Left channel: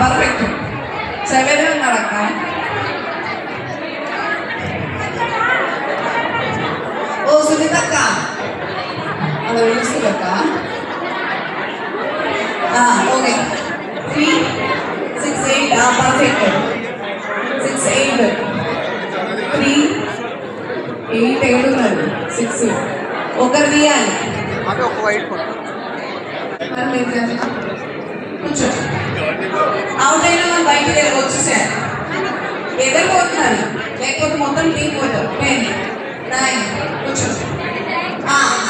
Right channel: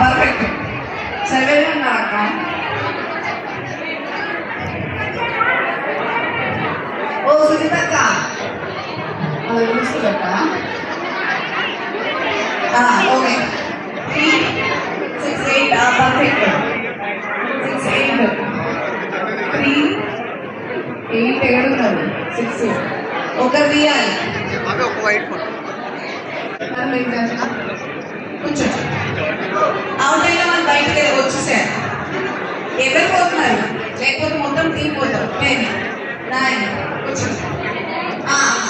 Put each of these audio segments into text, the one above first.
Perfect 7 ఉన్నారు అక్క. ఓ సునీత అక్క అలా పిలుస్తుంది అక్క. ఓకే 3 6 8 పర్ఫెక్ట్ 6 8 3 8 7 ఉన్నారు 6 ఒకరు తీయాలి. కూర్చో అవుట్ అయినా మనం బయటకు వెళ్ళి వచ్చేసారు. ఎవరు పోతున్నారు లేకపోతే మొత్తం టీం పోతారు. 10 9 కూర్చో.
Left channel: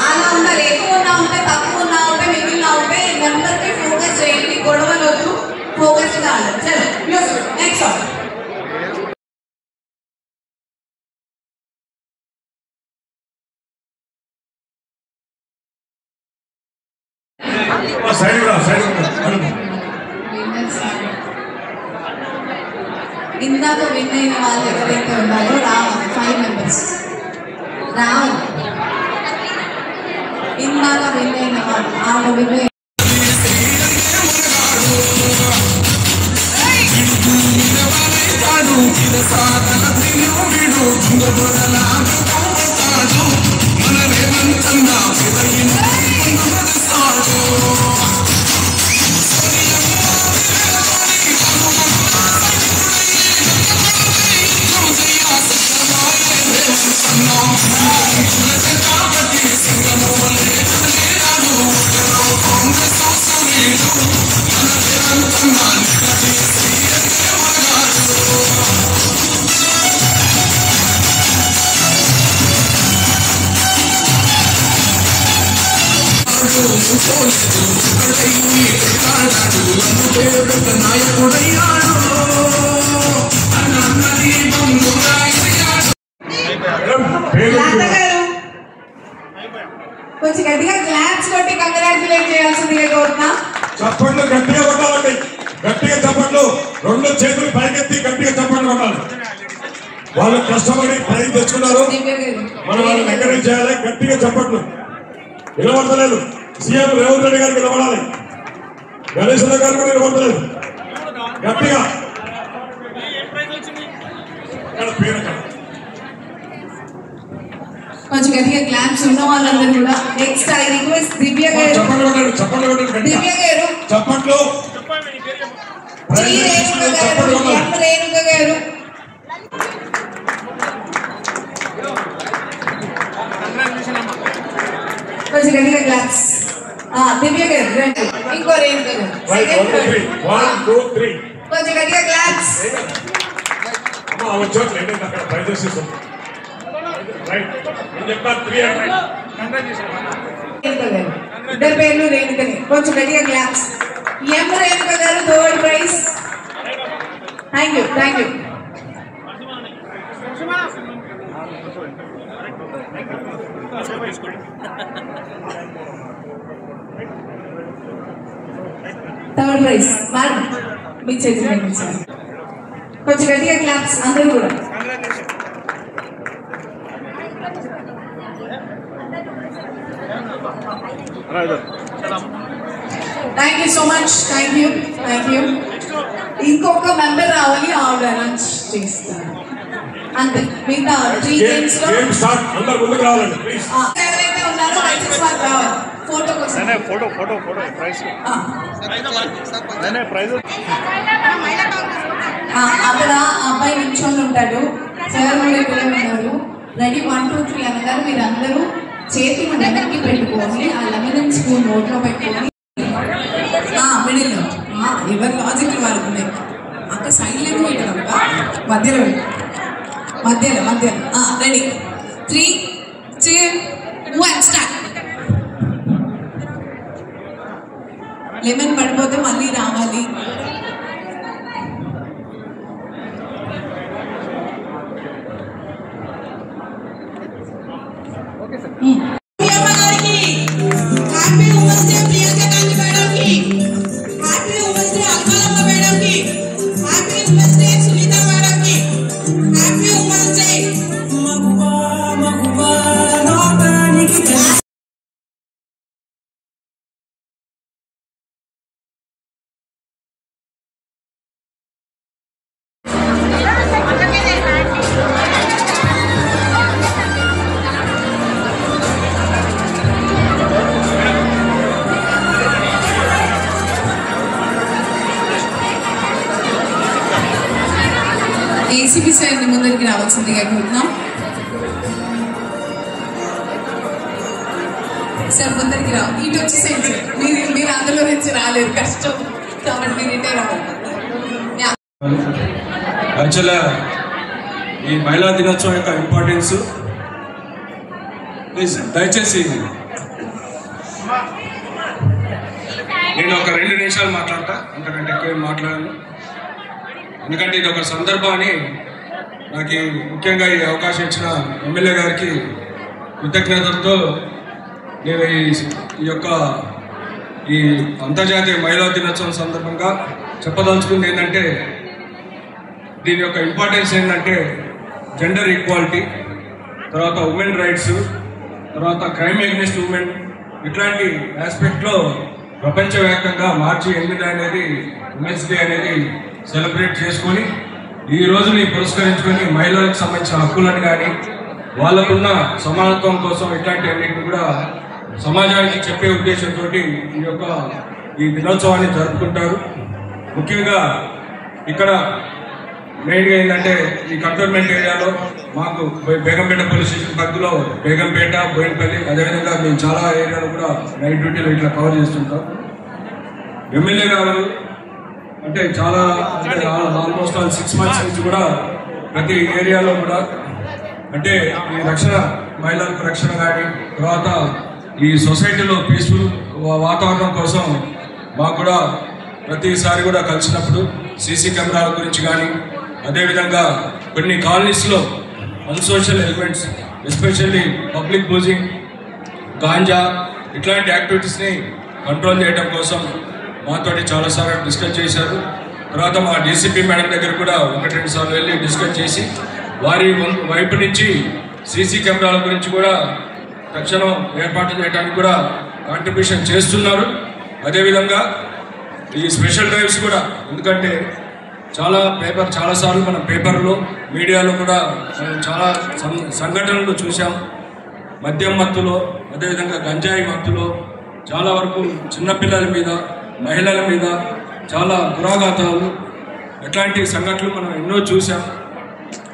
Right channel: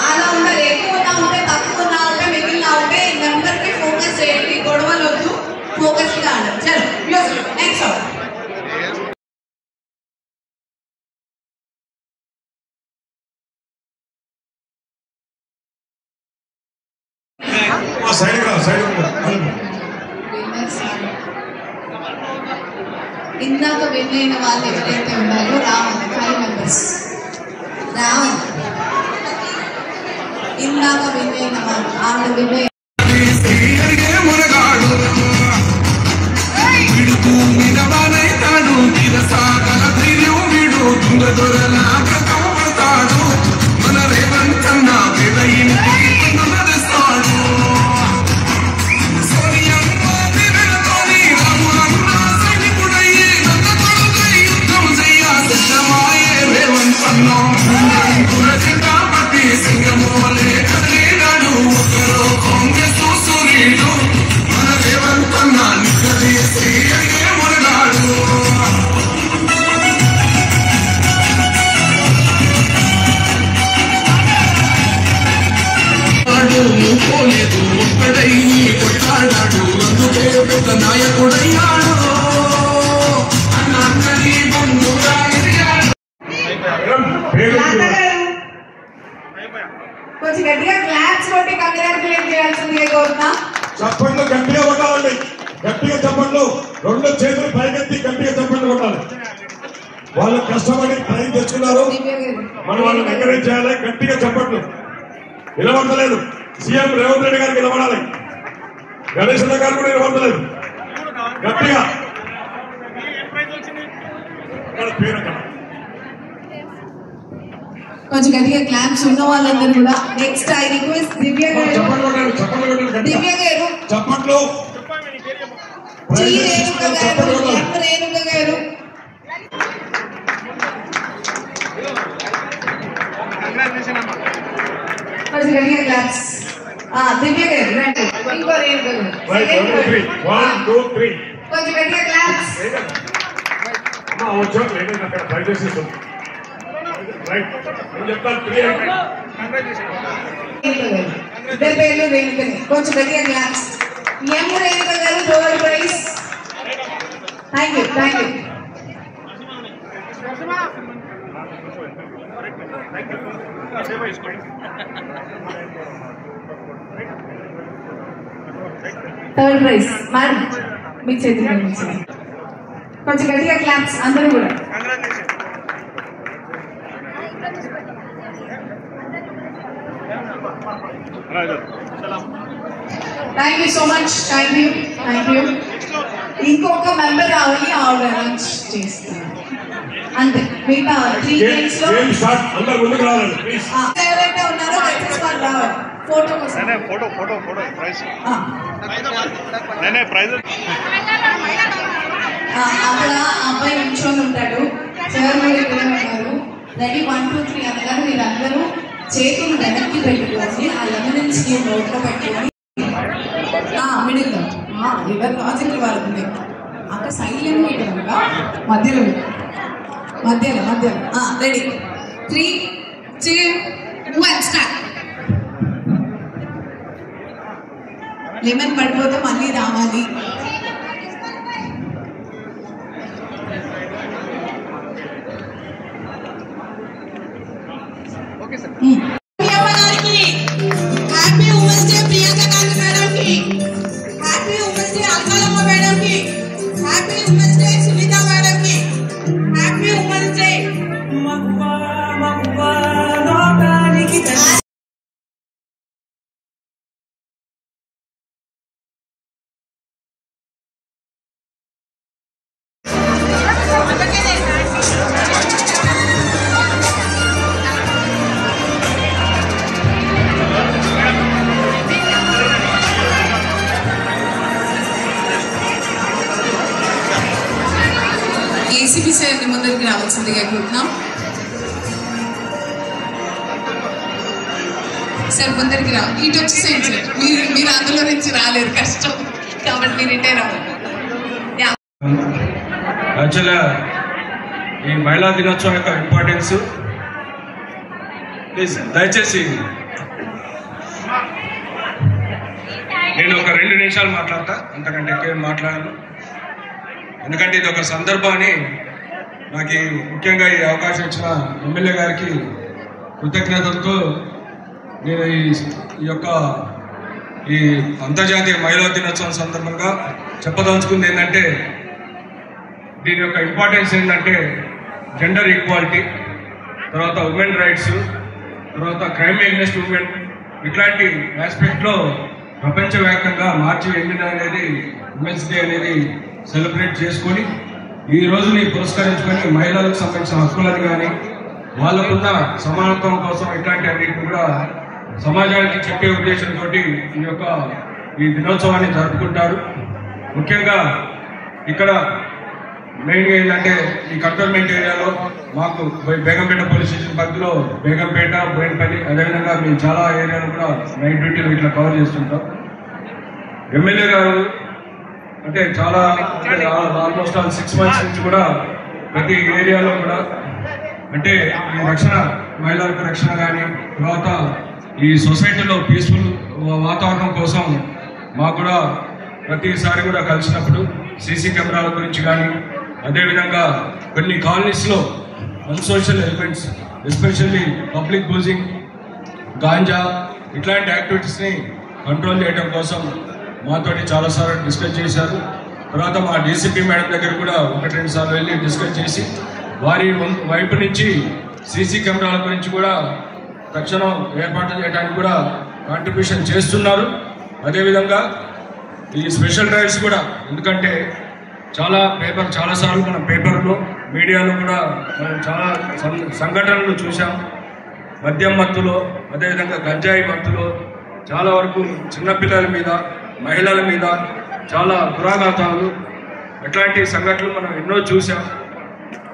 అలా ఉండాలి. ఎక్కువ ఉన్నా ఉంటే తక్కువ ఉన్నా ఉంటే మిగిలిన ఉంటే నెంబర్పై ఫోకస్ చేయండి. గొడవలు వద్దు, ఫోకస్ కాదు. చలో మ్యూజిక్ నెక్స్ట్ సాంగ్. ఇందాక విన్ అయిన వాళ్ళు ఎవరైతే ఉన్నారో రావాలి 5 మెంబర్స్ రావాలి. ఇందాక విన్ అయిన వాళ్ళు ఆమె విన్ కొంచెం గట్టిగా క్లాప్స్ కొట్టి కంగ్రాచులేట్ చేయాల్సిందిగా కోరుతున్నా. చప్పట్లు గట్టిగా కొట్టాలండి. గట్టిగా చప్పట్లు, 2 చేతులు పైకెత్తి గట్టిగా చప్పట్లు కొట్టాలి. వాళ్ళు కష్టపడి ప్రైజ్ తెచ్చుకున్నారు. మనం వాళ్ళని ఎంకరేజ్ చేయాలి. గట్టిగా చప్పట్లు. నిలబడలేదు. సీఎం రేవంత్ రెడ్డి గారికి నిలబడాలి. గణేష్ గారు కూడా నిలబడలేదు. గట్టిగా కొంచెం గట్టిగా క్లాప్స్ ఉన్న వాళ్ళందరూ కూడా. నెక్స్ట్ ఐ రిక్వెస్ట్ దివ్య గారు. దివ్య గారు చప్పట్లు. రేణుక గారు కొంచెం గట్టిగా క్లాప్స్. దివ్య గారు రండి. ఇంకో రేణుక గారు కొంచెం గట్టిగా క్లాప్స్. ఇద్దరు పేర్లు రేణుకనే. కొంచెం గట్టిగా claps. M Renuka garu 3rd prize. Thank you thank you. Third prize madam మీ చేతిలో కొంచెం గట్టిగా క్లాప్స్ అందరూ కూడా. Thank you so much. Thank you thank you. ఇంకొక మెంబర్ రావాలి, ఆవిడ అనౌన్స్ చేస్తారు అంతే. మిగతా 3 గేమ్స్ లో ఎవరైతే ఉన్నారో రావాలి ఫోటో కోసం. అక్కడ అబ్బాయి నిల్చొని ఉంటాడు. 7 మంది ఉన్నారు. రెడీ 1 2 3 అనగానే మీరు అందరూ చేతులు వెనక్కి పెట్టుకొని ఆ లెమన్ స్పూన్ నోట్లో పెట్టుకొని మిడిల్ ఎవరి లాజిక్ వాళ్ళు ఉన్నాయి. అక్కడ సైడ్లో పెట్టారు మధ్యలో మధ్యలో మధ్యలో. Ready 3 2 1 start. లెమన్ పడిపోతే మళ్ళీ రావాలి. Okay sir. డీసీపీ సార్ని ముందుకు రావాల్సిందిగా కోరుతున్నాం. సార్ ముందరికి రా, ఇటు వచ్చేసేయండి సార్. మీరు అందులో నుంచి రాలేరు, కష్టం కాబట్టి మీరు ఇటే రావాలి. యాక్చువల్గా ఈ మహిళా దినోత్సవం యొక్క ఇంపార్టెన్స్ ప్లీజ్ దయచేసి నేను ఒక 2 నిమిషాలు మాట్లాడతా, అంతకంటే ఎక్కువ మాట్లాడాను. ఎందుకంటే ఇది ఒక సందర్భాన్ని నాకు ముఖ్యంగా ఈ అవకాశం ఇచ్చిన ఎమ్మెల్యే గారికి కృతజ్ఞతలతో నేను ఈ యొక్క ఈ అంతర్జాతీయ మహిళా దినోత్సవం సందర్భంగా చెప్పదలుచుకుంది ఏంటంటే, దీని యొక్క ఇంపార్టెన్స్ ఏంటంటే జెండర్ ఈక్వాలిటీ, తర్వాత ఉమెన్ రైట్స్, తర్వాత క్రైమ్ అగెన్స్ట్ ఉమెన్, ఇట్లాంటి ఆస్పెక్ట్లో ప్రపంచవ్యాప్తంగా మార్చి 8 అనేది ఉమెన్స్ డే అనేది సెలబ్రేట్ చేసుకొని ఈ రోజుని పురస్కరించుకొని మహిళలకు సంబంధించిన హక్కులను కానీ వాళ్ళకున్న సమానత్వం కోసం ఇట్లాంటి అన్నింటిని కూడా సమాజానికి చెప్పే ఉద్దేశంతో ఈ దినోత్సవాన్ని జరుపుకుంటారు. ముఖ్యంగా ఇక్కడ మెయిన్గా ఏంటంటే ఈ కంటోన్మెంట్ ఏరియాలో మాకు బేగంపేట పోలీస్ స్టేషన్ పరిధిలో బేగంపేట, బోయినపల్లి, అదేవిధంగా మేము చాలా ఏరియాలో కూడా నైట్ డ్యూటీలు ఇట్లా కవర్ చేస్తుంటాం. ఎమ్మెల్యే గారు అంటే చాలా ఆల్మోస్ట్ 6 months నుంచి కూడా ప్రతి ఏరియాలో కూడా అంటే రక్షణ, మహిళలకు రక్షణ కానీ, తర్వాత ఈ సొసైటీలో పీస్ఫుల్ వాతావరణం కోసం మాకు కూడా ప్రతిసారి కూడా కలిసినప్పుడు సీసీ కెమెరాల గురించి కానీ, అదేవిధంగా కొన్ని కాలనీస్లో unsocial elements especially public boozing, ganja ఇట్లాంటి యాక్టివిటీస్ని కంట్రోల్ చేయడం కోసం మాతోటి చాలాసార్లు డిస్కస్ చేశారు. తర్వాత మా డీసీపీ మేడం దగ్గర కూడా 1-2 సార్లు వెళ్ళి డిస్కస్ చేసి వారి వైపు నుంచి సీసీ కెమెరాల గురించి కూడా తక్షణం ఏర్పాటు చేయడానికి కూడా కాంట్రిబ్యూషన్ చేస్తున్నారు. అదేవిధంగా ఈ స్పెషల్ డ్రైవ్స్ కూడా, ఎందుకంటే చాలాసార్లు మనం పేపర్లో, మీడియాలో కూడా చాలా సంఘటనలు చూసాం. మద్యం మత్తులో, అదేవిధంగా గంజాయి మత్తులో చాలా వరకు చిన్నపిల్లల మీద, మహిళల మీద చాలా దురాఘాతాలు, అట్లాంటి సంఘటనలు మనం ఎన్నో చూసాం.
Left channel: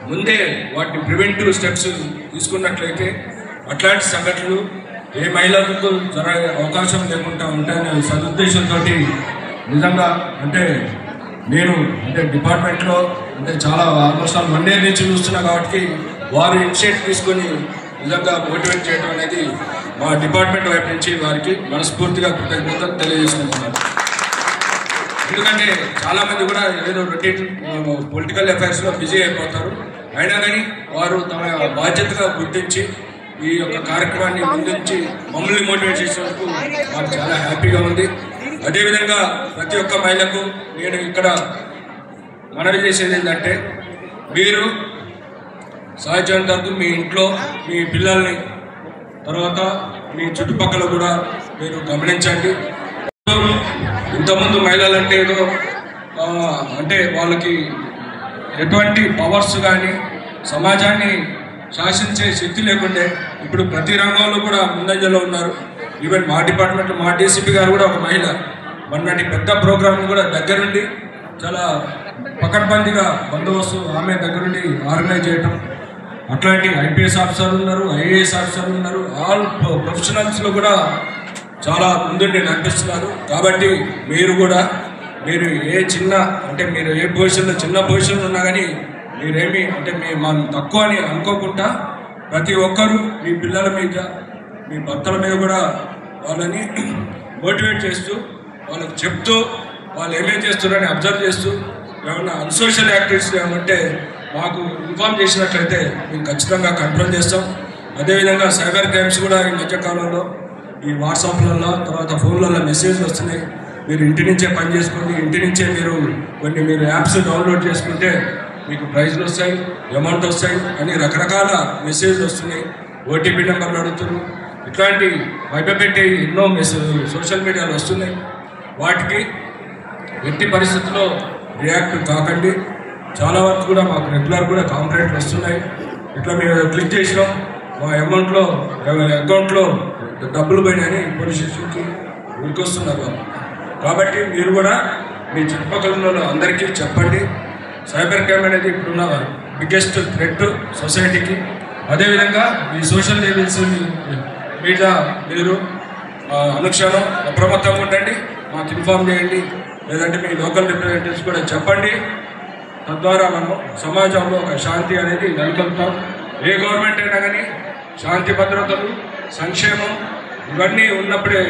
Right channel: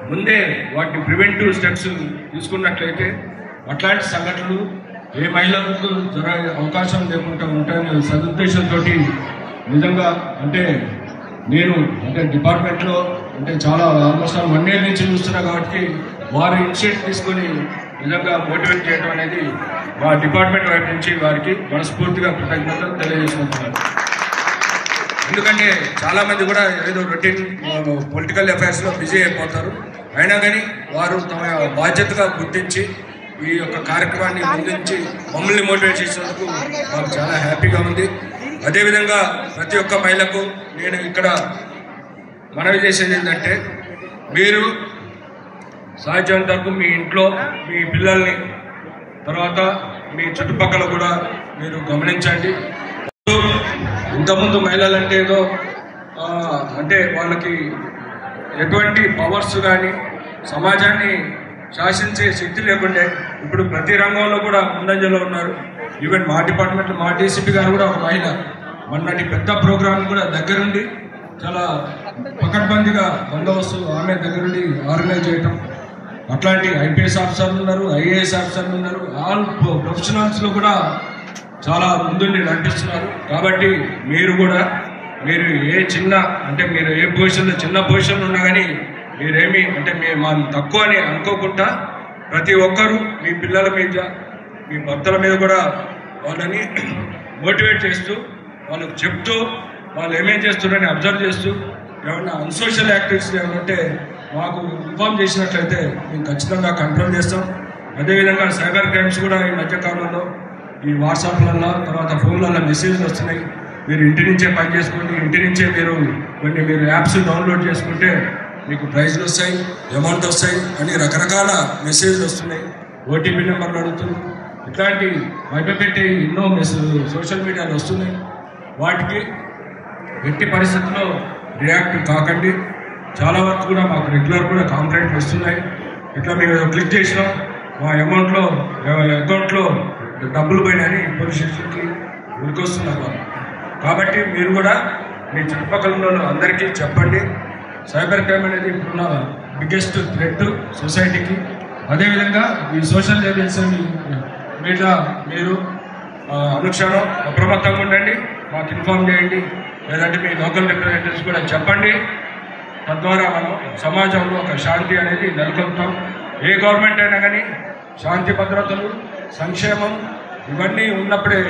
ముందే వాటిని ప్రివెంటివ్ స్టెప్స్ తీసుకున్నట్లయితే అట్లాంటి సంఘటనలు ఏ మహిళలకు జరిగే అవకాశం లేకుండా ఉంటాయనే సదుద్దేశంతో నిజంగా అంటే నేను డిపార్ట్మెంట్లో చాలా ఆల్మోస్ట్ 1 year నుంచి చూస్తున్నా కాబట్టి వారు ఇనిషియేటివ్ తీసుకొని నిజంగా మోటివేట్ చేయడం అనేది మా డిపార్ట్మెంట్ వైపు నుంచి వారికి మనస్ఫూర్తిగా కృతజ్ఞతలు తెలియజేసుకుంటున్నాను. ఎందుకంటే చాలామంది కూడా ఏదో రొటీన్ పొలిటికల్ అఫైర్స్లో బిజీ అయిపోతారు. అయినా కానీ వారు తమ బాధ్యతగా గుర్తించి ఈ యొక్క కార్యక్రమాన్ని ముందుంచి మమ్మల్ని మోటివేట్ చేసినందుకు మాకు చాలా హ్యాపీగా ఉంది. అదేవిధంగా ప్రతి ఒక్క మహిళకు నేను ఇక్కడ మనవి చేసేది ఏంటంటే, మీరు సాధ్యమైనంత వరకు మీ ఇంట్లో మీ పిల్లల్ని, తర్వాత మీ చుట్టుపక్కల కూడా మీరు గమనించండి. ఇంతకుముందు మహిళలు అంటే ఏదో అంటే వాళ్ళకి ఎటువంటి పవర్స్ కానీ సమాజాన్ని శాసించే శక్తి లేకుండే ఇప్పుడు ప్రతి రంగంలో కూడా ముందంజలో ఉన్నారు. ఈవెన్ మా డిపార్ట్మెంట్లో మా డీసీపీ గారు కూడా ఒక మహిళ. మొన్నటి పెద్ద ప్రోగ్రామ్ కూడా దగ్గరుండి చాలా పకడ్బందీగా బందోబస్తు ఆమె దగ్గరుండి ఆర్గనైజ్ చేయటం. అట్లాంటి ఐపీఎస్ ఆఫీసర్లు ఉన్నారు, ఐఏఎస్ ఆఫీసర్లు ఉన్నారు, ఆల్ ప్రొఫెషనల్స్లో కూడా చాలా ముందుండి నడిపిస్తున్నారు. కాబట్టి మీరు కూడా మీరు మీరు ఏ పొజిషన్లో చిన్న పొజిషన్లో ఉన్నా కానీ మీరేమి మనం తక్కువ అని అనుకోకుండా ప్రతి ఒక్కరూ మీ పిల్లల మీద, మీ భర్తల మీద కూడా వాళ్ళని మోటివేట్ చేస్తూ, వాళ్ళకి చెప్తూ, వాళ్ళు ఏమేం చేస్తున్నారని అబ్జర్వ్ చేస్తూ, ఏమన్నా అన్సోషల్ యాక్టివిటీస్ ఏమంటే మాకు ఇన్ఫార్మ్ చేసినట్లయితే మేము ఖచ్చితంగా కంట్రోల్ చేస్తాం. అదేవిధంగా సైబర్ క్రైమ్స్ కూడా ఈ మధ్యకాలంలో ఈ వాట్సాప్లలో, తర్వాత ఫోన్లలో మెసేజ్లు వస్తున్నాయి. మీరు ఇంటి నుంచే పని చేసుకోండి, ఇంటి నుంచే మీరు యాప్స్ డౌన్లోడ్ చేసుకుంటే మీకు ప్రైజ్లు వస్తాయి, అమౌంట్ వస్తాయి అని రకరకాల మెసేజ్లు వస్తున్నాయి. ఓటీపీ నెంబర్లు అడుగుతున్నాయి. ఇట్లాంటి భయపెట్టి ఎన్నో సోషల్ మీడియాలో వస్తున్నాయి. వాటికి ఎట్టి పరిస్థితుల్లో రియాక్ట్ కాకండి. చాలా వరకు కూడా మాకు రెగ్యులర్ కూడా కంప్లైంట్లు వస్తున్నాయి. ఇట్లా మేము క్లిక్ చేసినా మా అకౌంట్లో డబ్బులు పోయినాయని పోలీస్ స్టేషన్కి ఉరికొస్తున్నారు వాళ్ళు. కాబట్టి మీరు కూడా మీ చుట్టుపక్కల అందరికీ చెప్పండి. సైబర్ క్రైమ్ అనేది ఇప్పుడున్న బిగ్గెస్ట్ థ్రెట్ సొసైటీకి. అదేవిధంగా ఈ సోషల్ ఏజెన్సీ మీద మీరు అనుక్షణం అప్రమత్తంగా ఉండండి, మాకు ఇన్ఫార్మ్ చేయండి, లేదంటే మీ లోకల్ రిప్రజెంటేటివ్స్ కూడా చెప్పండి. తద్వారా మనం సమాజంలో ఒక శాంతి అనేది నెలకొల్పుతాం. ఏ గవర్నమెంట్ అయినా కానీ శాంతి భద్రతలు, సంక్షేమం ఇవన్నీ ఉన్నప్పుడే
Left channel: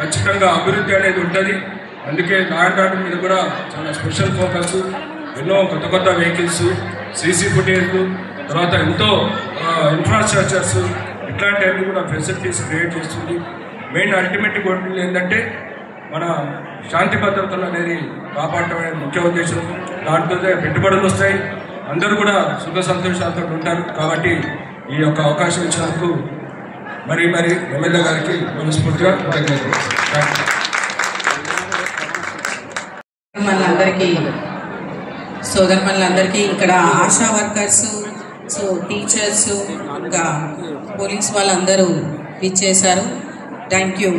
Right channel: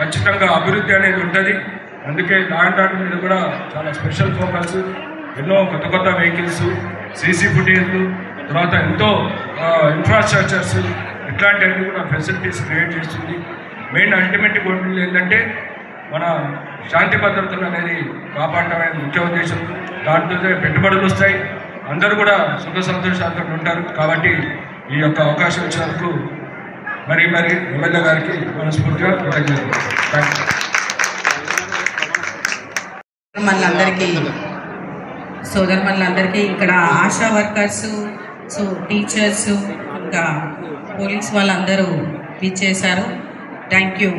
ఖచ్చితంగా అభివృద్ధి అనేది ఉంటుంది. అందుకే ల్యాండ్ ఆర్డర్ మీద కూడా చాలా స్పెషల్ ఫోకస్, ఎన్నో కొత్త కొత్త వెహికల్స్, సీసీ ఫుటేజ్, తర్వాత ఎంతో ఇన్ఫ్రాస్ట్రక్చర్స్, ఇట్లాంటివన్నీ కూడా ఫెసిలిటీస్ క్రియేట్ చేస్తుంది. మెయిన్ అల్టిమేట్ గోల్ ఏంటంటే మన శాంతి భద్రతలు అనేది కాపాడటమే ముఖ్య ఉద్దేశం. దాంతో పెట్టుబడులు వస్తాయి, అందరూ కూడా సుఖ సంతోషాలతో ఉంటారు. కాబట్టి ఈ యొక్క అవకాశం ఇచ్చినందుకు మరీ ఎమ్మెల్యే గారికి మనస్ఫూర్తిగా కృతజ్ఞతలు. మనందరికీ సోదరులందరికీ ఇక్కడ ఆశా వర్కర్స్, టీచర్స్, ఇంకా పోలీస్ వాళ్ళందరూ ఇచ్చేశారు. Thank you.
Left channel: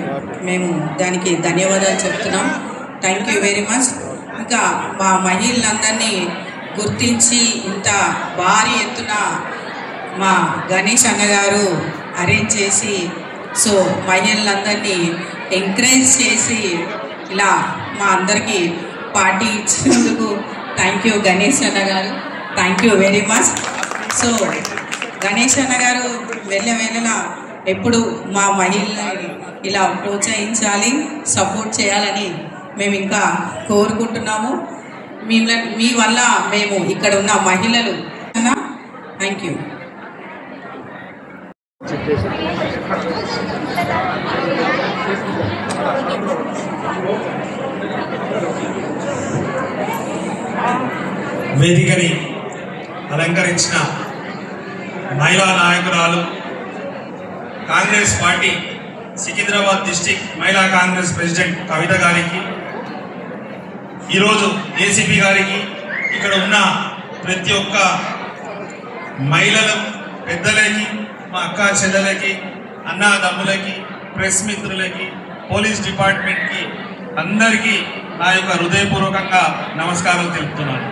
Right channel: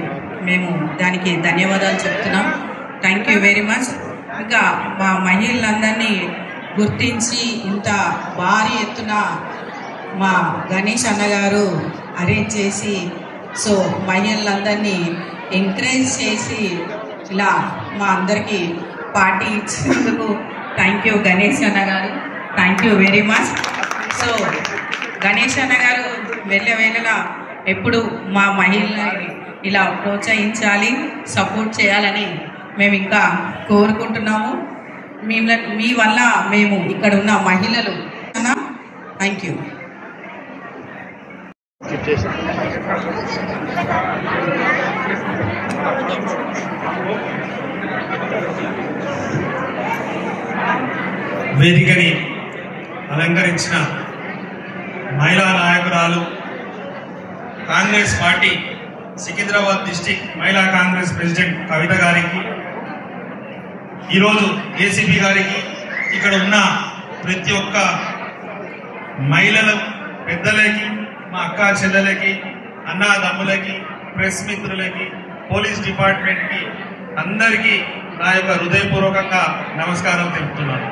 మేము దానికి ధన్యవాదాలు చెప్తున్నాం. Thank you very much. ఇంకా మా మహిళలందరినీ గుర్తించి ఇంత భారీ ఎత్తున మా గణేష్ అన్నగారు అరేంజ్ చేసి మహిళలందరినీ ఎంకరేజ్ చేసి ఇలా మా అందరికీ పార్టీ ఇచ్చినందుకు థ్యాంక్ యూ గణేష్ అన్న గారు. Thank you very much. Ganesh అన్న గారు వెళ్ళవేళలా ఎప్పుడు మా మహిళల్ని ఇలా ప్రోత్సహించాలి, సపోర్ట్ చేయాలని మేము ఇంకా కోరుకుంటున్నాము. మీ వల్ల మేము ఇక్కడ ఉన్న మహిళలు. Thank you. వేదికని అలంకరించిన మహిళా నాయకురాలు, కాంగ్రెస్ పార్టీ సికింద్రాబాద్ డిస్టిక్ మహిళా కాంగ్రెస్ ప్రెసిడెంట్ కవిత గారికి, ఈరోజు ఏసీపీ గారికి, ఇక్కడ ఉన్న ప్రతి ఒక్క మహిళలు, పెద్దలకి, మా అక్క చెల్లెలకి, అన్నదమ్ములకి, ప్రెస్ మిత్రులకి, పోలీస్ డిపార్ట్మెంట్కి అందరికీ నా యొక్క హృదయపూర్వకంగా నమస్కారం తెలుపుతున్నాను.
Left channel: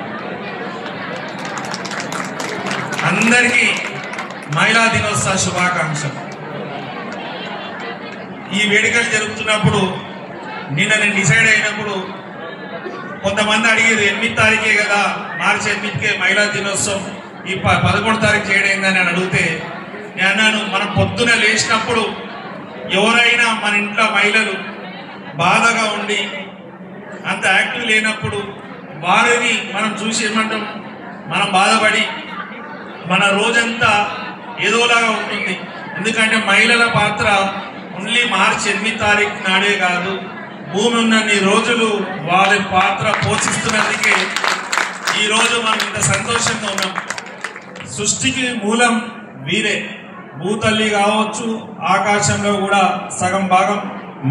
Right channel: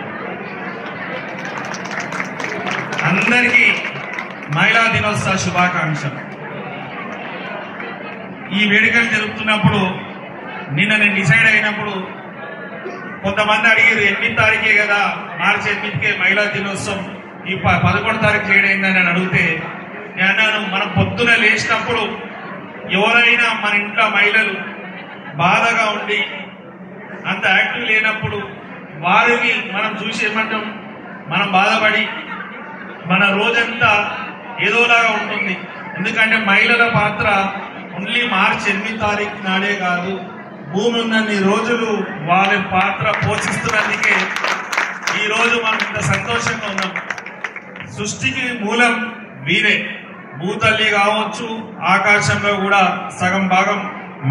అందరికీ మహిళా దినోత్సవ శుభాకాంక్షలు. ఈ వేడుకలు జరుపుతున్నప్పుడు నిన్న నేను డిసైడ్ అయినప్పుడు కొంతమంది అడిగారు 8 తారీఖే కదా, మార్చి 8కే మహిళా దినోత్సవం, ఈ 11 తారీఖు చేయడైందని అని అడిగితే నేను అన్నాను, మనం పొద్దున లేచినప్పుడు ఎవరైనా మన ఇంట్లో మహిళలు బాధగా ఉండి అంత యాక్టివ్ లేనప్పుడు వారిని మనం చూసి ఏమంటాం, మనం బాధపడి మన రోజంతా ఏదోలాగా ఉంటుంది. ఎందుకంటే మహిళల పాత్ర ఓన్లీ మార్చి 8 తారీఖు నాడే కాదు, భూమి ఉన్నన్ని రోజులు వాళ్ళ పాత్ర పోషిస్తున్నందుకే ఈరోజు మనం ఇంత సంతోషంగా ఉన్నాం. సృష్టికి మూలం వీరే, భూతల్లి కావచ్చు, ఆకాశంలో కూడా సగం భాగం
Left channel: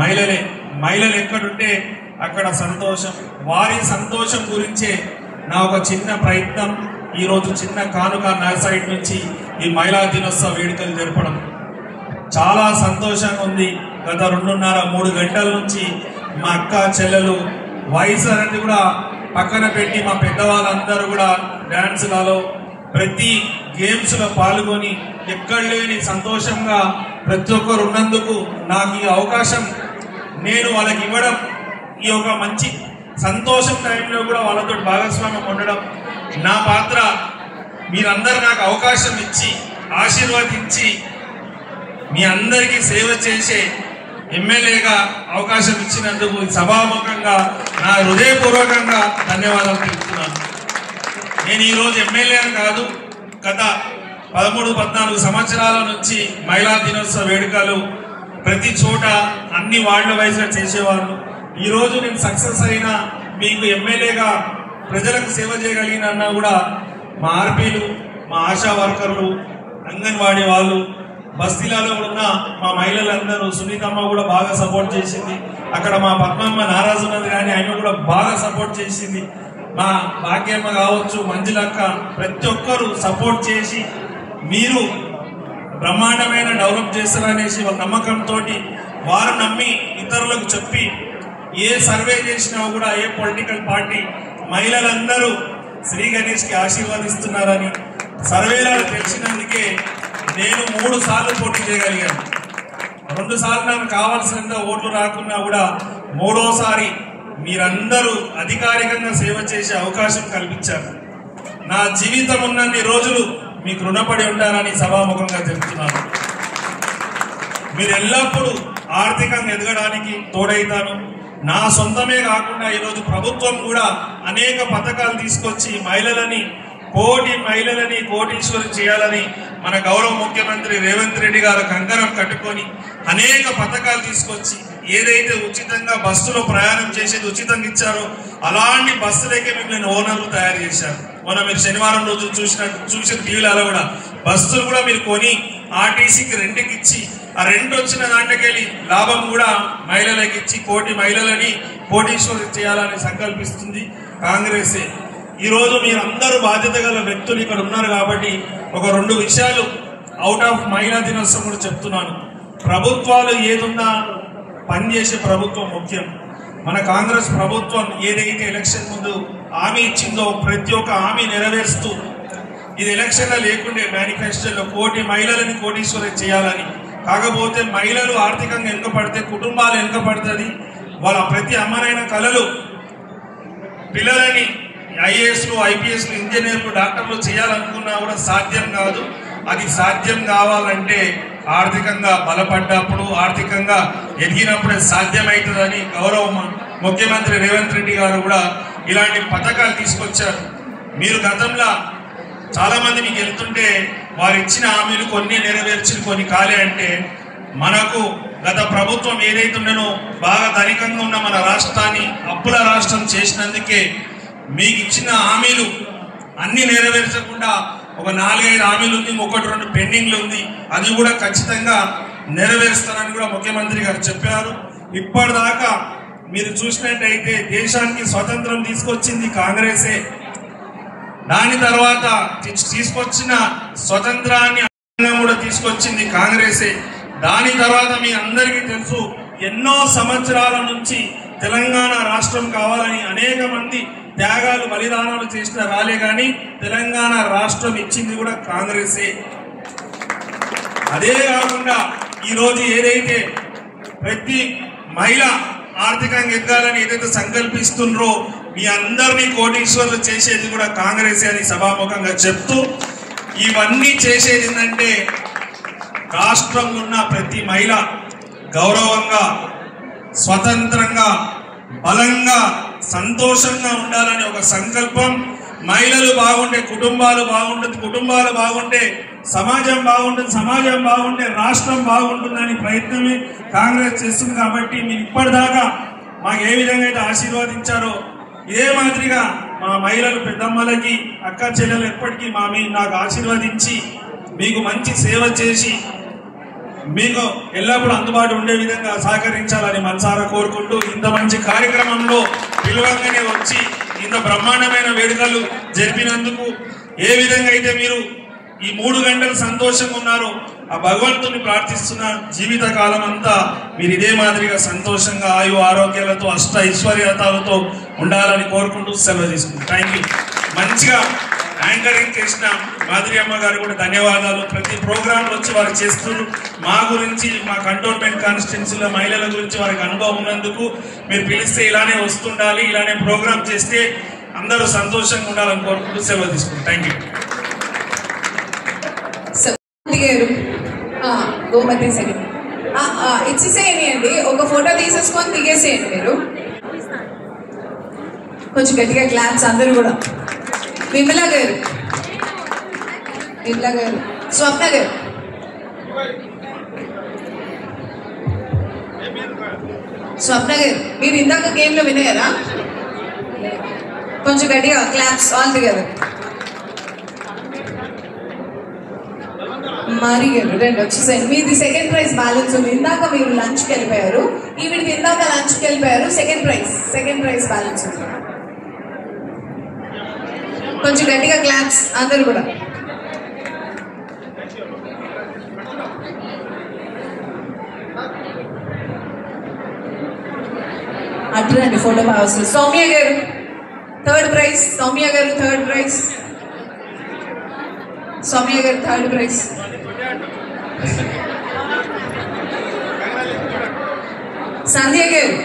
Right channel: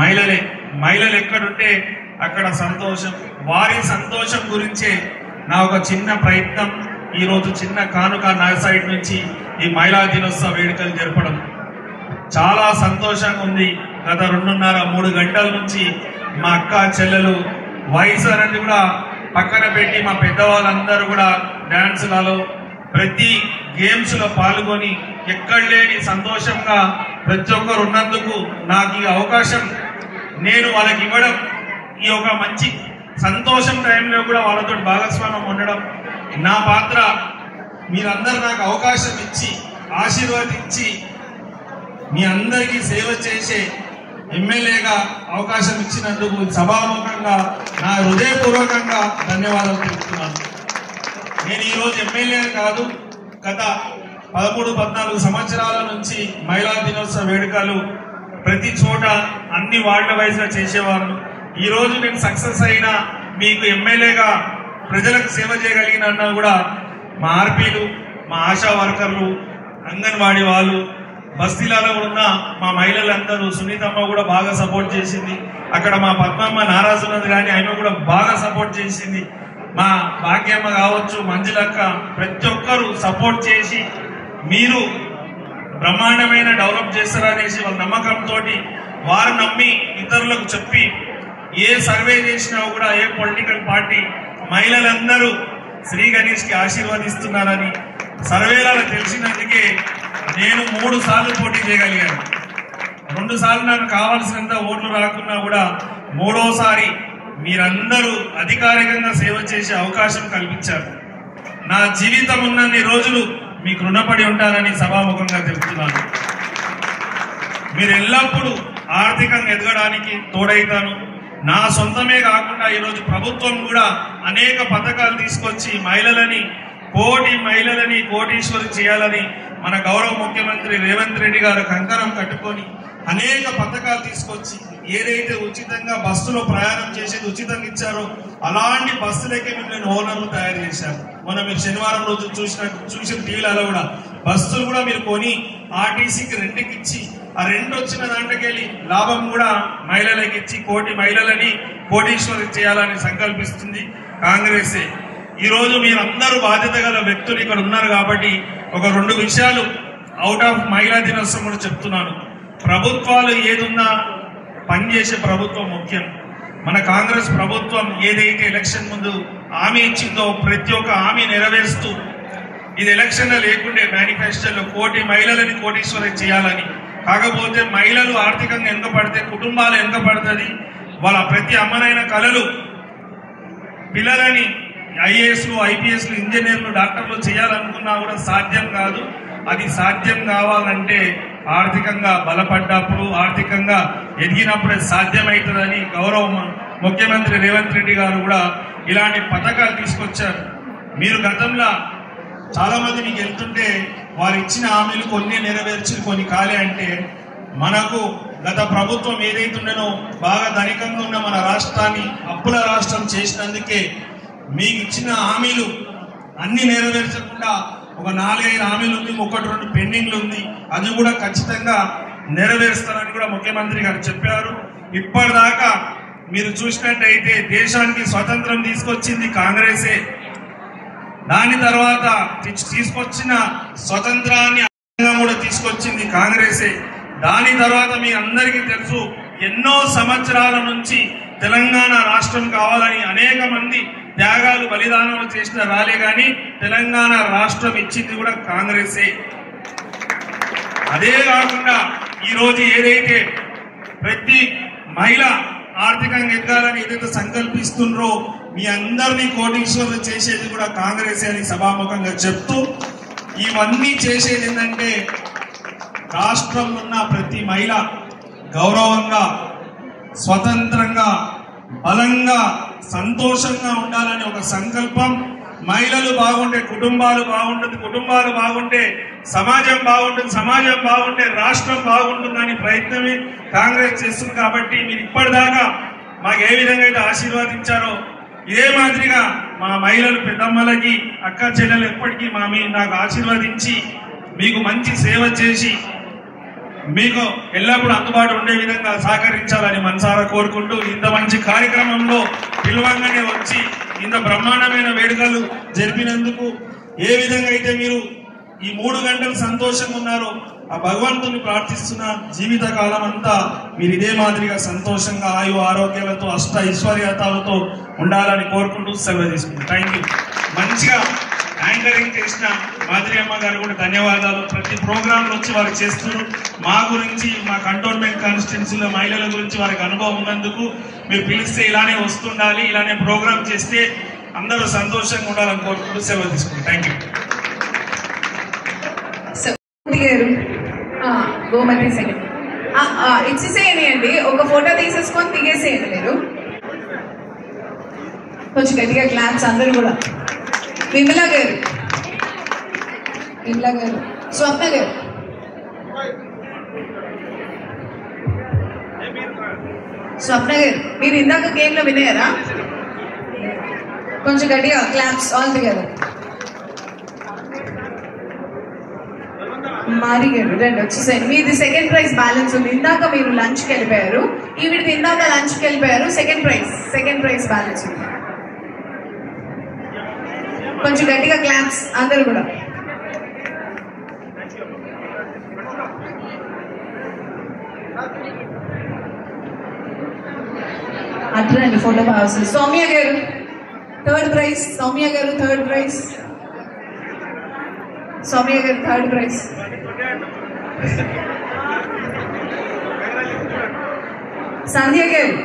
మహిళలే. మహిళలు ఎక్కడుంటే అక్కడ సంతోషం. వారి సంతోషం గురించే నా ఒక చిన్న ప్రయత్నం, ఈరోజు చిన్న కానుక నా సైడ్ నుంచి ఈ మహిళా దినోత్సవ వేడుకలు జరపడం చాలా సంతోషంగా ఉంది. గత 2.5-3 గంటల నుంచి మా అక్క చెల్లెలు వయసు అనేది కూడా పక్కన పెట్టి మా పెద్దవాళ్ళందరూ కూడా డ్యాన్సులలో, ప్రతి గేమ్స్లో పాల్గొని ఎక్కడ లేని సంతోషంగా ప్రతి ఒక్కరు ఉన్నందుకు నాకు ఈ అవకాశం నేను వాళ్ళకి ఇవ్వడం, ఈ ఒక మంచి సంతోషం టైంలో కూడా వాళ్ళతో భాగస్వామ్యం ఉండడం నా పాత్ర. మీరందరూ నాకు అవకాశం ఇచ్చి ఆశీర్వదించి మీ అందరికీ సేవ చేసే ఎమ్మెల్యేగా అవకాశం ఇచ్చినందుకు సభాముఖంగా నా హృదయపూర్వకంగా ధన్యవాదాలు తెలుపుతున్నాను. నేను ఈరోజు ఎమ్మెల్యేని కాదు, గత 13-14 సంవత్సరాల నుంచి మహిళా దినోత్సవ వేడుకలు ప్రతి చోట అన్ని వార్డుల వైజ్గా చేసేవారు. ఈరోజు నేను సక్సెస్ అయినా మీకు ఎమ్మెల్యేగా ప్రజలకు సేవ చేయగలిగిన కూడా మా ఆర్పీలు, మా ఆశా వర్కర్లు, అంగన్వాడీ వాళ్ళు, బస్తీలలో ఉన్న మా మహిళలందరూ, సునీతమ్మ కూడా బాగా సపోర్ట్ చేసింది. అక్కడ మా పద్మమ్మ నారాజు ఉన్నది కానీ ఆయన కూడా బాగా సపోర్ట్ చేసింది. మా భాగ్యమ్మ కావచ్చు, మంజులక్క, ప్రతి ఒక్కరు సపోర్ట్ చేసి మీరు బ్రహ్మాండమైన డెవలప్ చేస్తారనేసి నమ్మకంతో వారు నమ్మి ఇతరులకు చెప్పి ఏ సర్వే చేసినా కూడా ఏ పొలిటికల్ పార్టీ మహిళలందరూ శ్రీ గణేష్కి ఆశీర్వదిస్తున్నారని సర్వేలలో తెలిసినందుకే నేను 3 సార్లు పోటీ చేయగలిగాను. 2 సార్లు నాకు కావాల్సినంత ఓట్లు రాకున్నా కూడా 3వసారి మీరందరూ అధికారికంగా సేవ చేసే అవకాశం కల్పించారు. నా జీవితం ఉన్నన్ని రోజులు మీకు రుణపడి ఉంటానని సభాముఖంగా చెప్తున్నాను. మీరు ఎల్లప్పుడూ ఆర్థికంగా ఎదగడానికి తోడైతాను. నా సొంతమే కాకుండా ఈరోజు ప్రభుత్వం కూడా అనేక పథకాలు తీసుకొచ్చి మహిళలని కోటీశ్వరి చేయాలని మన గౌరవ ముఖ్యమంత్రి రేవంత్ రెడ్డి గారు కంకణం కట్టుకొని అనేక పథకాలు తీసుకొచ్చి ఏదైతే ఉచితంగా బస్సులో ప్రయాణం చేసేది ఉచితంగా ఇచ్చారో అలాంటి బస్సులకే మిమ్మల్ని ఓనర్లు తయారు చేశారు. మొన్న మీరు శనివారం రోజు చూసిన టీవీలలో కూడా బస్సులు కూడా మీరు కొని ఆర్టీసీకి రెంట్కి ఇచ్చి ఆ రెంట్ వచ్చిన దాంట్లోకెళ్ళి లాభం కూడా మహిళలకు ఇచ్చి కోటి మహిళలని కోటీశ్వరి చేయాలని సంకల్పిస్తుంది కాంగ్రెసే. ఈరోజు మీరందరూ బాధ్యత గల వ్యక్తులు ఇక్కడ ఉన్నారు కాబట్టి ఒక 2 విషయాలు అవుట్ ఆఫ్ మహిళా దినోత్సవం కూడా చెప్తున్నాను. ప్రభుత్వాలు ఏదున్నా పనిచేసే ప్రభుత్వం ముఖ్యం. మన కాంగ్రెస్ ప్రభుత్వం ఏదైతే ఎలక్షన్ ముందు హామీ ఇచ్చిందో ప్రతి ఒక్క హామీ నెరవేరుస్తూ ఇది ఎలక్షన్లో లేకుండే మేనిఫెస్టోలో కోటి మహిళలని కోటీశ్వరి చేయాలని. కాకపోతే మహిళలు ఆర్థికంగా వెనుకపడితే కుటుంబాలు వెనుకపడుతుంది. వాళ్ళ ప్రతి అమ్మనైన కళలు పిల్లలని ఐఏఎస్లు ఐపీఎస్లు ఇంజనీర్లు డాక్టర్లు చేయాలనుకున్నా కూడా సాధ్యం కాదు. అది సాధ్యం కావాలంటే ఆర్థికంగా బలపడ్డప్పుడు ఆర్థికంగా ఎదిగినప్పుడే సాధ్యమవుతుందని గౌరవ ముఖ్యమంత్రి రేవంత్ రెడ్డి గారు కూడా ఇలాంటి పథకాలు తీసుకొచ్చారు. మీరు గతంలో చాలా మంది మీకు వెళ్తుంటే వారు ఇచ్చిన హామీలు కొన్ని నెరవేర్చి కొన్ని కాలే అంటే మనకు గత ప్రభుత్వం ఏదైతే ఉండనో బాగా ధనికంగా ఉన్న మన రాష్ట్రాన్ని అప్పుల రాష్ట్రం చేసినందుకే మీకు ఇచ్చిన హామీలు అన్ని నెరవేర్చకుండా ఒక 4-5 హామీలు ఉంది, 1-2 పెండింగ్లు ఉంది. అది కూడా ఖచ్చితంగా నెరవేరుస్తారని కూడా ముఖ్యమంత్రి గారు చెప్పారు. ఇప్పటిదాకా మీరు చూసినట్టయితే దేశానికి స్వతంత్రం తీసుకొచ్చింది కాంగ్రెసే. దాని తర్వాత తీసుకొచ్చిన స్వతంత్రాన్ని కూడా తీసుకొచ్చింది కాంగ్రెసే. దాని తర్వాత మీ అందరికీ తెలుసు ఎన్నో సంవత్సరాల నుంచి తెలంగాణ రాష్ట్రం కావాలని అనేక మంది త్యాగాలు బలిదానాలు చేసిన రాలే కానీ తెలంగాణ రాష్ట్రం ఇచ్చింది కూడా కాంగ్రెసే. అదే కాకుండా ఈరోజు ఏదైతే ప్రతి మహిళ ఆర్థికంగా ఎదగాలని ఏదైతే సంకల్పిస్తున్నారో మీ అందరినీ కోటీశ్వర్లు చేసేది కూడా కాంగ్రెసే అని సభాముఖంగా చెప్తూ ఇవన్నీ చేసేది ఏంటంటే రాష్ట్రంలో ఉన్న ప్రతి మహిళ గౌరవంగా స్వతంత్రంగా బలంగా సంతోషంగా ఉండాలని ఒక సంకల్పం. మహిళలు బాగుంటే కుటుంబాలు బాగుంటుంది, కుటుంబాలు బాగుంటే సమాజం బాగుంటుంది, సమాజం బాగుంటే రాష్ట్రం బాగుంటుందని ప్రయత్నమే కాంగ్రెస్ చేస్తుంది. కాబట్టి మీరు ఇప్పటిదాకా మాకు ఏ విధంగా అయితే ఆశీర్వాదించారో ఇదే మాదిరిగా మా మహిళలు పెద్దమ్మలకి అక్క చెల్లెలు ఎప్పటికీ నాకు ఆశీర్వదించి మీకు మంచి సేవ చేసి మీకు ఎల్లప్పుడూ అందుబాటు ఉండే విధంగా సహకరించాలని మనసారా కోరుకుంటూ ఇంత మంచి కార్యక్రమంలో పిలువంగానే వచ్చి ఇంత బ్రహ్మాండమైన వేడుకలు జరిపినందుకు ఏ విధంగా అయితే మీరు ఈ 3 గంటలు సంతోషంగా ఉన్నారో ఆ భగవంతుని ప్రార్థిస్తున్న జీవిత కాలం అంతా మీరు ఇదే మాదిరిగా సంతోషంగా ఆయు ఆరోగ్యాలతో అష్ట ఐశ్వర్యతలతో ఉండాలని కోరుకుంటూ సెలవు తీసుకుంటాం. Thank you. మంచిగా యాంకరింగ్ చేసిన మాధురి అమ్మ గారు కూడా ధన్యవాదాలు. ప్రతి ప్రోగ్రాంలు వచ్చి వారికి చేస్తున్నారు. మా గురించి మా కంటోన్మెంట్ కాన్స్టిట్యున్సీలో మహిళల గురించి వారికి అనుభవం ఉన్నందుకు మీరు పిలిస్తే ఇలానే వస్తుండాలి, ఇలానే ప్రోగ్రామ్ చేస్తే అందరూ సంతోషంగా ఉండాలని కోరుకుంటూ సెలవు తీసుకుంటాం. Thank you. గోమతి సెకండ్ ఇచ్చేసేయండి అండి. ఒక ఫోటో తీసేసుకొని దిగేసేయండి మీరు. కొంచెం గట్టిగా క్లాప్స్ అందరూ కూడా. విమలా గారు, స్వప్న గారు, మీరు ఇందాక గేమ్ లో వినేయారా? కొంచెం గట్టిగా క్లాప్స్ ఆల్ టుగెదర్. మారి గారు రండి వచ్చేసాయి. మీది సెకండ్ ప్రైజ్ బ్యాలెన్స్ ఉంది. ఇందాక మీరు లంచ్కి వెళ్ళిపోయారు, ఈవిడిది ఇందాక లంచ్కి వెళ్ళిపోయారు. సెకండ్ ప్రైజ్ బ్యాలెన్స్ ఉంది. కొంచెం గట్టిగా క్లాప్స్ అందరు కూడా. అట్లండి ఫోటో బాగా. సౌమ్య గారు థర్డ్ ప్రైజ్ సౌమ్య గారు, థర్డ్ ప్రైజ్ సౌమ్య గారు, థర్డ్ ప్రైజ్. సంధ్య గారు,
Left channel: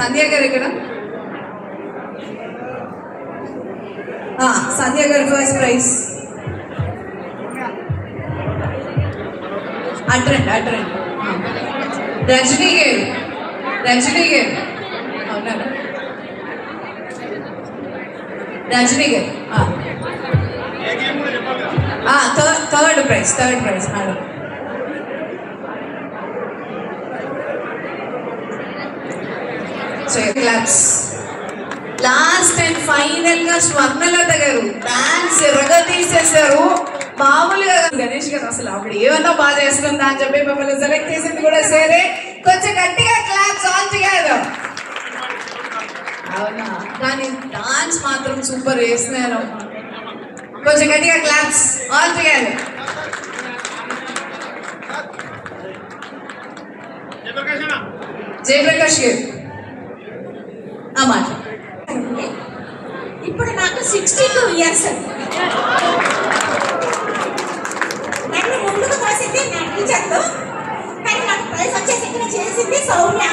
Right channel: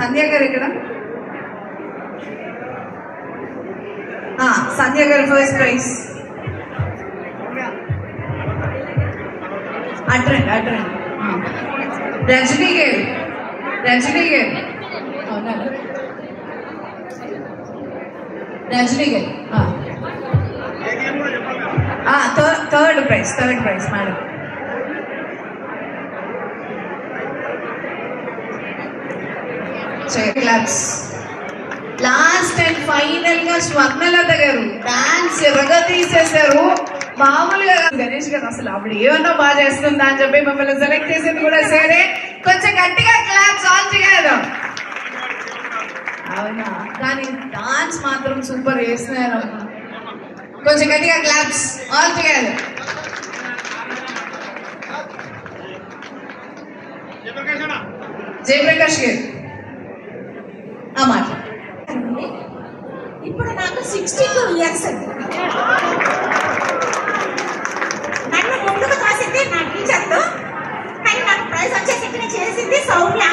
సంధ్య గారు ఇక్కడ, సంధ్య గారు ఫస్ట్ ప్రైజ్. అట్రండి అట్రండి. రజనీ గారు, రజనీ గారు అవునా, రజనీ గారు third prize, third prize madam. Claps. Last and final గా స్వర్ణలత గారు డాన్స్ ఎర్రగా తీసేశారు. మామూలుగా గణేష్ గారు అసలు ఆవిడ ఏమన్నా బాగా చేస్తుందా అని చెప్పి మిమ్మల్ని సెలెక్ట్ చేసేది కూడా సరే. కొంచెం గట్టిగా క్లాప్స్ ఆల్ టుగెదర్. అవునా, కానీ డాన్స్ మాత్రం సూపర్ చేస్తున్నారు. కొంచెం గట్టిగా క్లాప్స్ ఆల్ టుగెదర్. జయప్రకాష్ గారు మాట. ఇప్పుడు నాకు 62 years అండి. నన్ను ముందుకు తోసింది నా టీచర్తో, కానీ నాకు ప్రైజ్ వచ్చేసి చేసింది Soumya.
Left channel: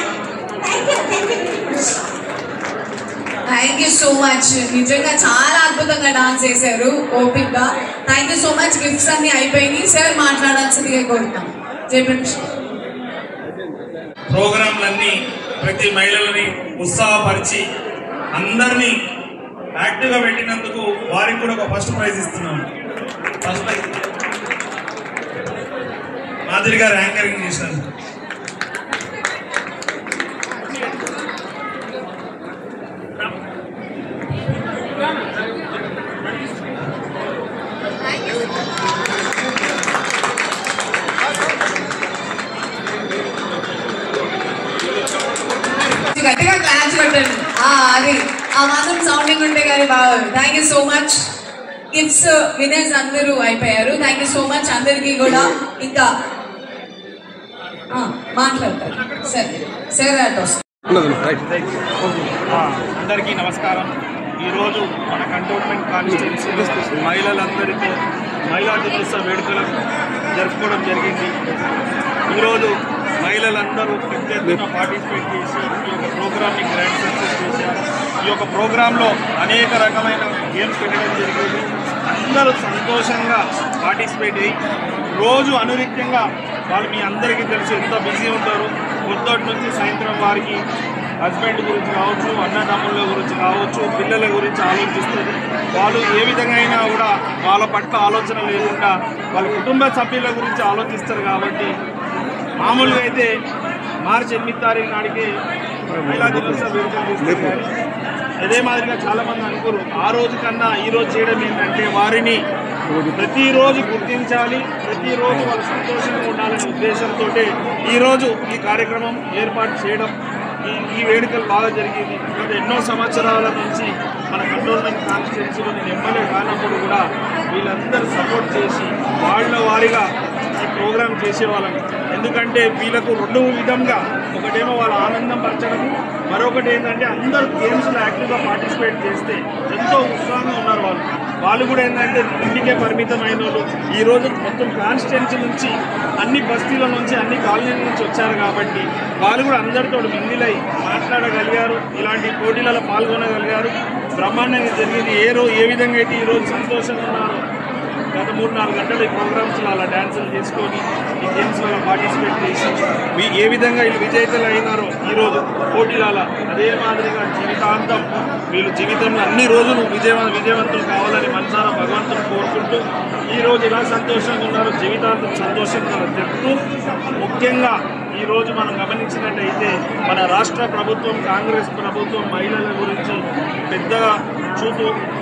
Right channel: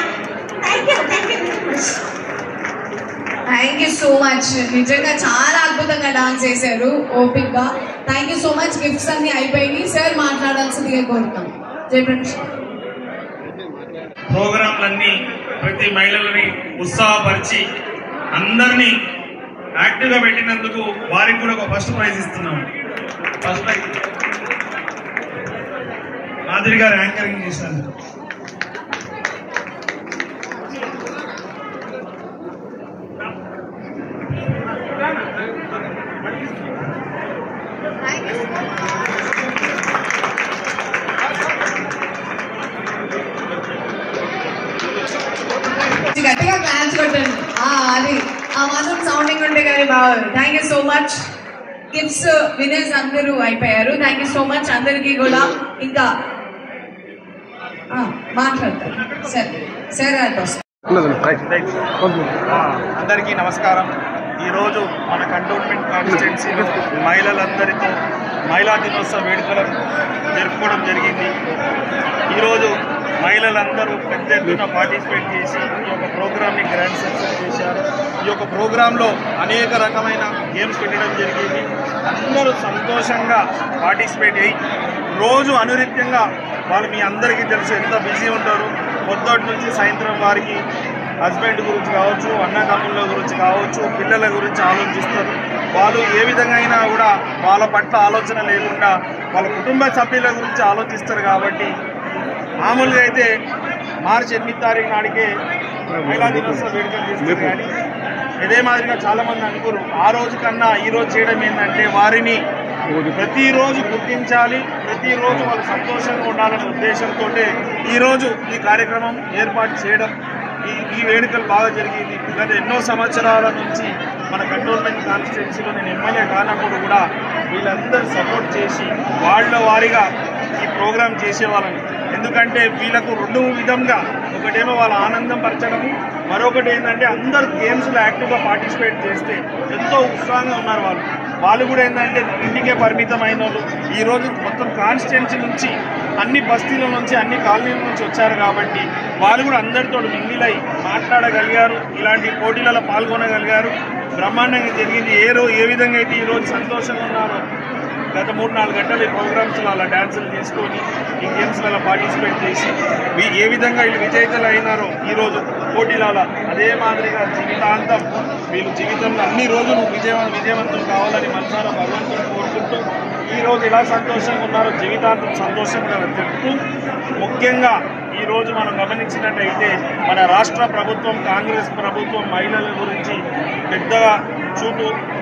Thank you so much. నిజంగా చాలా అద్భుతంగా డాన్స్ చేశారు, ఓపిక్గా. Thank you so much. Gifts అన్ని అయిపోయినాయి. సార్ మాట్లాడాల్సిందిగా కోరుతాం. జయప్రకాష్. ప్రోగ్రాంలన్నీ ప్రతి మహిళలని ఉత్సాహపరిచి అందరినీ యాక్టివ్గా పెట్టినందుకు వారికి కూడా ఒక ఫస్ట్ ప్రైజ్ ఇస్తున్నాము. ఫస్ట్ ప్రైజ్ మాధురి గారు యాంకరింగ్ చేసినందుకు. గట్టిగా క్లాప్స్ కొట్టండి. అది ఆ మాత్రం సౌండింగ్ ఉంటే కానీ బాగుంది. Thank you so much. Gifts winners అందరూ అయిపోయారు. థ్యాంక్ యూ సో మచ్ అందరికీ కూడా. ఇంకా మాట్లాడతారు సార్. సార్ అందరికీ నమస్కారం. ఈరోజు మన కంటోన్మెంట్ కాన్స్టిట్యున్సీ మహిళలందరితో మహిళా దినోత్సవ వేడుకలను జరుపుకోవడం జరిగింది. ఈరోజు మహిళలందరూ పెద్ద ఎత్తున పార్టిసిపేట్ చేసి ఈ యొక్క ప్రోగ్రామ్ని గ్రాండ్ సక్సెస్ చేశారు. ఈ యొక్క ప్రోగ్రాంలో అనేక రకమైన గేమ్స్ పెట్టడం జరిగింది. అందరూ సంతోషంగా పార్టిసిపేట్ అయ్యి రోజు అనునిత్యంగా వాళ్ళు మీ అందరికీ తెలుసు ఎంత బిజీ ఉంటారు. పొద్దుటి నుంచి సాయంత్రం వారికి హస్బెండ్ గురించి కావచ్చు, అన్నదమ్ముల గురించి కావచ్చు, పిల్లల గురించి ఆలోచిస్తారు. వాళ్ళు ఏ విధంగా అయినా కూడా వాళ్ళ పట్ల ఆలోచన లేకుండా వాళ్ళ కుటుంబ సభ్యుల గురించి ఆలోచిస్తారు. కాబట్టి మామూలుగా అయితే మార్చి 8 తారీఖు నాటికే మహిళా దినోత్సవ వేడుకలు చేస్తారు. కానీ ఇదే మాదిరిగా చాలామంది అనుకోరు. ఆ రోజు కన్నా ఈరోజు చేయడం ఏంటంటే వారిని ప్రతిరోజు గుర్తించాలి, ప్రతిరోజు వాళ్ళు సంతోషంగా ఉండాలనే ఉద్దేశంతో ఈరోజు ఈ కార్యక్రమం ఏర్పాటు చేయడం, ఈ వేడుకలు బాగా జరిగింది. గత ఎన్నో సంవత్సరాల నుంచి మన కంటోన్మెంట్ కాన్స్టిట్యున్సీలో నేను ఎమ్మెల్యే కానప్పుడు కూడా వీళ్ళందరూ సపోర్ట్ చేసి వాళ్ళ వారిగా ఈ ప్రోగ్రాం చేసేవాళ్ళని. ఎందుకంటే వీళ్ళకు రెండు విధంగా, ఒకటేమో వాళ్ళ ఆనందం పరచడము, మరొకటి ఏంటంటే అందరూ గేమ్స్లో యాక్టివ్గా పార్టిసిపేట్ చేస్తే ఎంతో ఉత్సాహంగా ఉన్నారు వాళ్ళు కూడా ఏంటంటే ఇంటికే పరిమితమైన వాళ్ళు ఈరోజు మొత్తం కాన్స్టిట్యున్సీ నుంచి అన్ని బస్తీల నుంచి అన్ని కాలనీల నుంచి వచ్చారు. కాబట్టి వాళ్ళు కూడా అందరితో మింగిలై మాట్లాడగలిగారు, ఇలాంటి పోటీలలో పాల్గొనగలిగారు. బ్రహ్మాండంగా జరిగింది. ఏ విధంగా అయితే ఈరోజు సంతోషంగా ఉన్నారో గత 3-4 గంటలు ఈ ప్రోగ్రామ్స్లో అలా డ్యాన్సులు చేసుకొని ఈ గేమ్స్లలో పార్టిసిపేట్ చేసి ఏ విధంగా వీళ్ళు విజేతలు అయినారో ఈరోజు పోటీలలో, అదే మాదిరిగా జీవితాంతం వీళ్ళు జీవితంలో అన్ని రోజులు విజయవంతులు కావాలని మనసారా భగవంతుని కోరుకుంటూ ఈరోజు ఇలా సంతోషంగా ఉన్నారో జీవితాంతం సంతోషంగా చెప్తూ, ముఖ్యంగా ఈరోజు మనం గమనించినట్టయితే మన రాష్ట్ర ప్రభుత్వం, కాంగ్రెస్ ప్రభుత్వం మహిళల గురించి పెద్దగా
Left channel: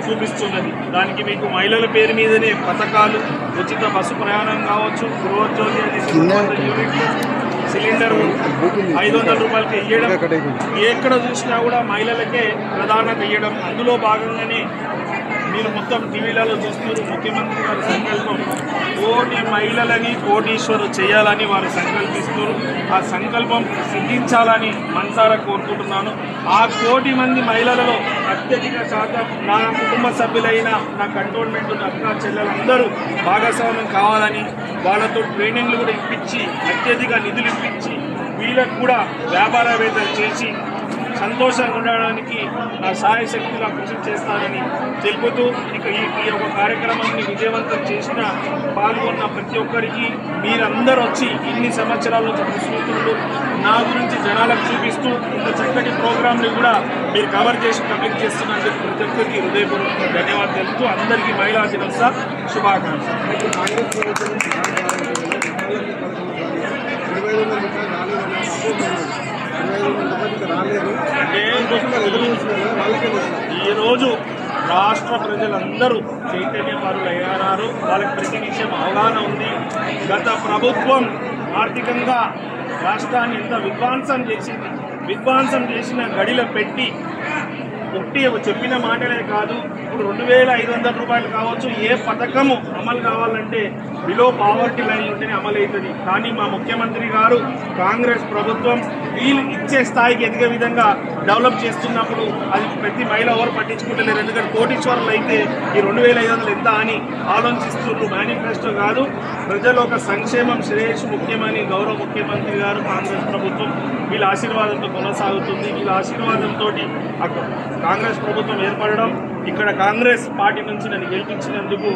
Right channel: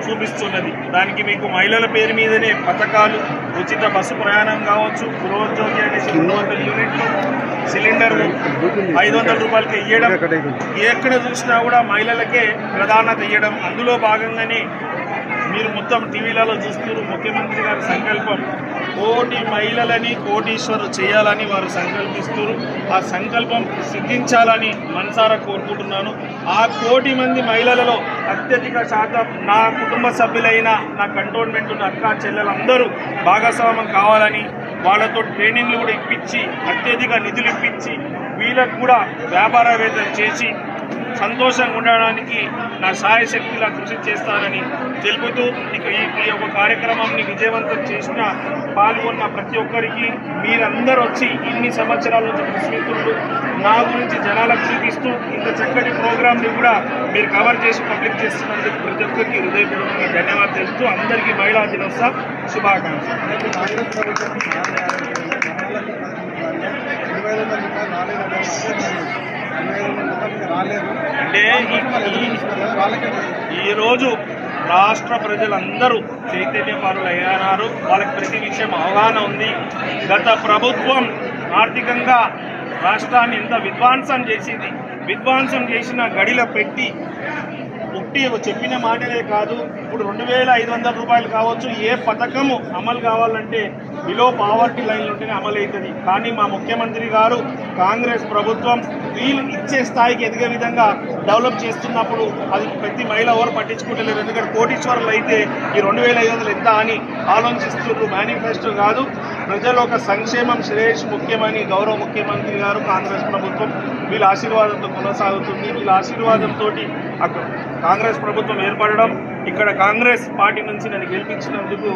చూపిస్తున్నది. దానికి మీకు మహిళల పేరు మీదనే పథకాలు, ఉచిత బస్సు ప్రయాణం కావచ్చు, గృహోద్యోగి అనేసి 200 యూనిట్లు, సిలిండర్ 500 రూపాయలకి ఇవ్వడం, ఎక్కడ చూసినా కూడా మహిళలకే ప్రాధాన్యత ఇవ్వడం. అందులో భాగంగానే మీరు మొత్తం టీవీలలో చూస్తున్నారు. ముఖ్యమంత్రి గారి సంకల్పం కోటి మహిళలని కోటీశ్వరు చేయాలని వారు సంకల్పిస్తున్నారు. ఆ సంకల్పం సిద్ధించాలని మనసారా కోరుకుంటున్నాను. ఆ 1 కోటి మంది మహిళలలో అత్యధిక శాతం నా కుటుంబ సభ్యులైన నా కంటోన్మెంట్ నా అక్క చెల్లెలందరూ భాగస్వామ్యం కావాలని వాళ్ళతో ట్రైనింగ్లు కూడా ఇప్పించి అత్యధిక నిధులు ఇప్పించి వీళ్ళకు కూడా వ్యాపారవేత్తలు చేసి సంతోషంగా ఉండడానికి నా సాయశక్తిలా కృషి చేస్తానని తెలుపుతూ ఈ యొక్క కార్యక్రమాన్ని విజయవంతం చేసిన పాల్గొన్న ప్రతి ఒక్కరికి మీరందరూ వచ్చి ఇన్ని సంవత్సరాల నుంచి కృషిమిత్రులు నా గురించి జనాలకు చూపిస్తూ ఇంత చక్కటి ప్రోగ్రాంని కూడా మీరు కవర్ చేసి పబ్లిక్ చేస్తున్నందుకు ప్రతి ఒక్కరికి హృదయపూర్వకంగా ధన్యవాదాలు తెలుపుతూ అందరికీ మహిళా దినోత్సవ శుభాకాంక్షలు. అంటే ఈరోజు రాష్ట్ర ప్రజలందరూ చైతన్యపరులయ్యారు. వాళ్ళకి ప్రతి విషయం అవగాహన ఉంది. గత ప్రభుత్వం ఆర్థికంగా రాష్ట్రాన్ని ఎంత విధ్వంసం చేసిన గడిలో పెట్టి ఉట్టి చెప్పిన మాటలే కాదు. ఇప్పుడు 2500 రూపాయలు కావచ్చు, ఏ పథకము అమలు కావాలంటే బిలో పావర్టీ లైన్ ఉంటేనే అమలు అవుతుంది. కానీ మా ముఖ్యమంత్రి గారు కాంగ్రెస్ ప్రభుత్వం వీళ్ళు ఇచ్చే స్థాయికి ఎదిగే విధంగా డెవలప్ చేస్తున్నప్పుడు అది ప్రతి మహిళ ఎవరు పట్టించుకుంటలేరు. ఎందుకంటే కోటీశ్వరులు అయితే ఈ 2500 ఎంత అని ఆలోచిస్తున్నారు. మేనిఫెస్టో కాదు, ప్రజల ఒక సంక్షేమం శ్రేయస్సు ముఖ్యమని గౌరవ ముఖ్యమంత్రి గారు కాంగ్రెస్ ప్రభుత్వం వీళ్ళ ఆశీర్వాదంతో కొనసాగుతుంది. వీళ్ళ ఆశీర్వాదంతో కాంగ్రెస్ ప్రభుత్వం ఏర్పడడం, ఇక్కడ కాంగ్రెస్ పార్టీ నుంచి నన్ను గెలిపించినందుకు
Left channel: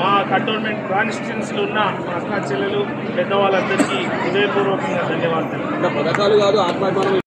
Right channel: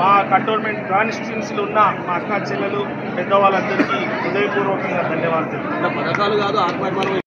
మా కంటోన్మెంట్ కాన్స్టిట్యున్సీలో ఉన్న మా అక్క చెల్లెలు పెద్దవాళ్ళందరికీ హృదయపూర్వకంగా ధన్యవాదాలు. పథకాలు కాదు ఆత్మాభిమానం